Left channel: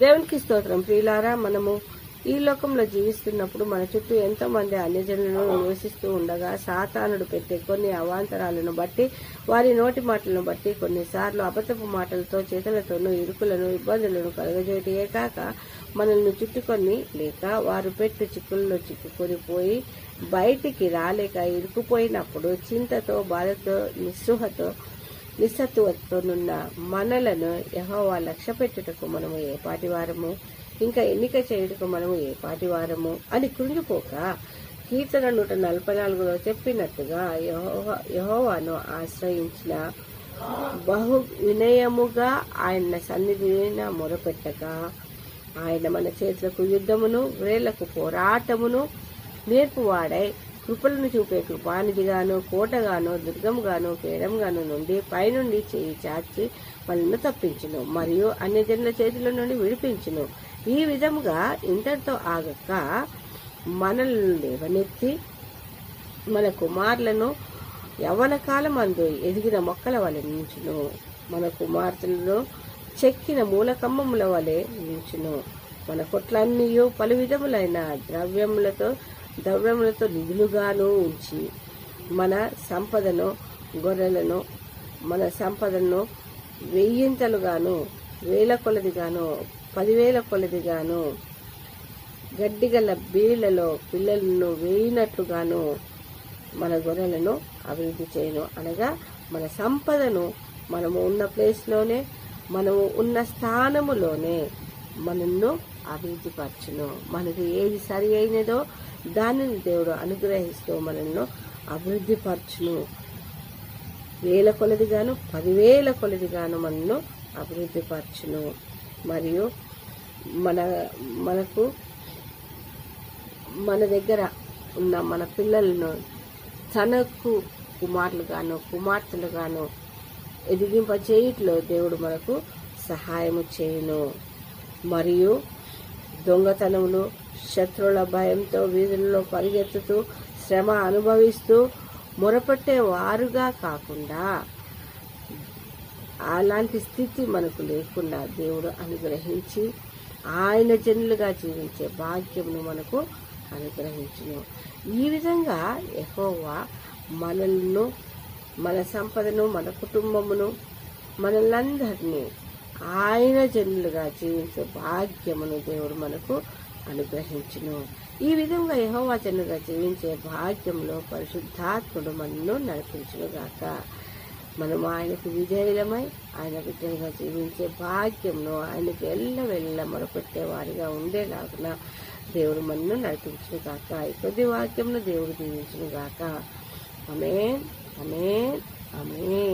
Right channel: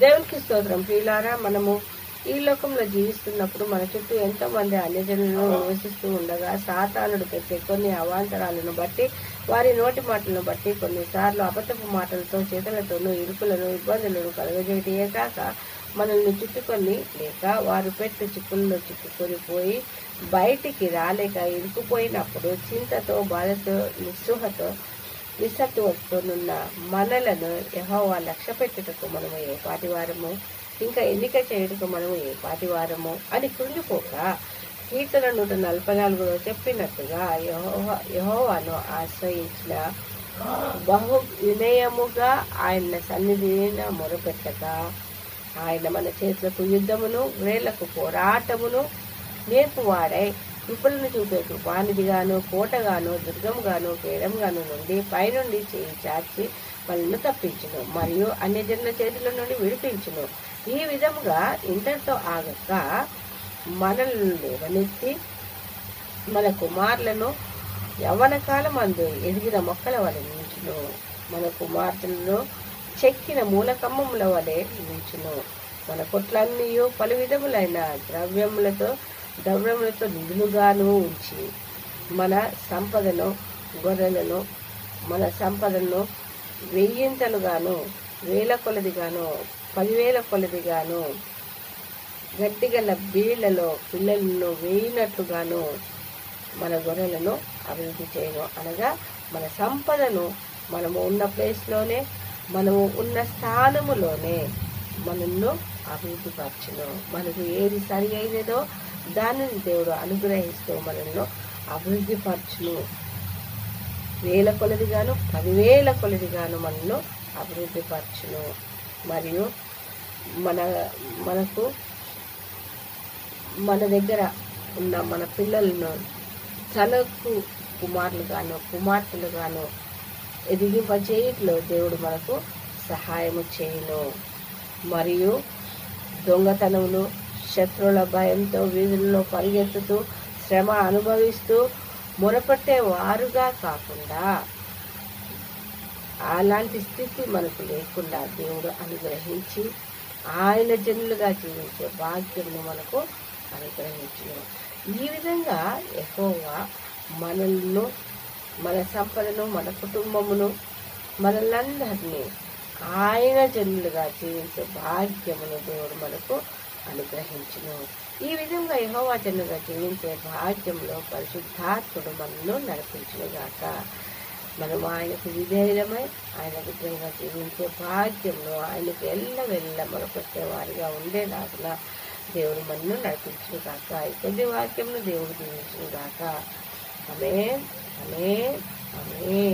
దేవునికి స్తోత్రం. ప్రియులారా, మనము ఈ లోకంలో జీవిస్తున్నప్పుడు మన చుట్టూ ఎంతో మంది అన్యజనులను నివసిస్తూ ఉండగా సాతానుడు పెట్టే కొన్ని అవాంతరాలను బట్టి, వారి నోటి మాటలను బట్టి, కొన్నిసార్లు అబద్ధపు మాటలతో, చేతులతోనూ ఇరుకులను, ఇబ్బందులను కలుగజేయటే కాక మనల్ని చుట్టుకొని లేక వారు పెట్టే చిక్కుల్లో చిక్కుకొని పోయి బయటికి రాలేక ఇరుకుపోయినప్పుడు చింతతో, బాధతో, నిస్సత్తువతోనున్న మనలను యెహోవా లక్ష్య పెట్టుటకు మనము ఏ పాటివారము, ఇంకా ఎన్నిక చేయుటకు మనము ఏ పాటివారము అని కృంగిపోక, కీర్తన 144లో చెప్పినట్టుగా యెహోవాను ఆశ్రయించిన బహు వినయముగా ఆయన సన్నిధిన మొరపెట్టక, ఆయన మన చేతులకు యుద్ధమును, వేళ్లకు పోరాటమును నేర్పువాడై కృపలను చూపే కృపానిధిగాను, కోటగాను, దుర్గముగాను, కేడంగాను నుండి పైనుండి చేయి చాచి మనల్ని తప్పించును, మరియు అన్యజనుల చేతుల నుండి విడిపించును. ఈ విధముగా ఇంతటితో ఆగక మనల్ని లేవనెత్తి మన కుమారులను యవ్వన కాలమందు ఎదిగిన మొక్కల వలె నించును, మన కుమార్తెలను చెక్కిన మూలకమ్మముల వలె నించును. మన కొట్లన్నీ పలు విధములైన ద్రవ్యములతో నిధులుగాను ఉంచి, మన సంపదను, గొర్రెలను, మన సంపదను వెయ్యింతలుగాను, 1000 కొలదిగాను, 10,000 కొలదిగాను, గడ్డిగల బీళ్లలో పిల్లలను వేయినట్లుగాను మన గొర్రెలను అభివృద్ధి చేయను. అనగా మన సంపదను మనము ఉన్న ప్లేస్లోనే, మనము ఉన్న స్థానములోనే మనల్ని అభివృద్ధి పరచును. మనకు ఏది సరి అయినదో దానిని దేవుడు అనుగ్రహిస్తూ మనల్ని అభివృద్ధి పరచును. 1000 కొలదిగాను, 10,000 కొలదిగాను మనల్ని అభివృద్ధి పరచును. మరియు మనకు మన దగ్గర ఉన్న మన పిల్లలను తనకు కుమారులుగాను, కుమార్తెలుగాను ఎదిగింపచేయుటలో దేవుడు మనకు సహాయము చేయును. మరియు దొంగతనములు, శత్రువుల భయంతో వీధుల్లో పరిగెత్తుతూ శ్రమ అనుభవిస్తూ మొరపెట్టే వారుగా కాకుండా, అలాంటి స్థితి మనకు లేకుండా దేవుడు అనుగ్రహించి ఆయన జనులుగా జీవించే భాగ్యమును మనకు అనుగ్రహించును. ఈ విధంగా యెహోవా మనల్ని, మన సంపదను, మన కుటుంబమును, మనలందరినీ ఆయన జనులుగా జీవించే భాగ్యమును దేవుడు మనకు అనుగ్రహించును. ఈ విధంగా యెహోవా జనులుగా జీవించే భాగ్యంలో పరిశుద్ధాత్ముడు మనల్ని నడిపించునుగాక. మనం ఆయనకు విధేయులమై ఆయన బిడ్డలుగా జీవించే భాగ్యంలో ఆయనకు ఎల్లవెల్ల మొరపెట్టే వారిగా ఉండేలాగున దేవుడు మనల్ని నడిపించునుగాక. ఈ కొద్ది వాక్యంలో దేవుడు దీవించునుగాక. ఆమేన్, ఆమేన్, ఆమేన్.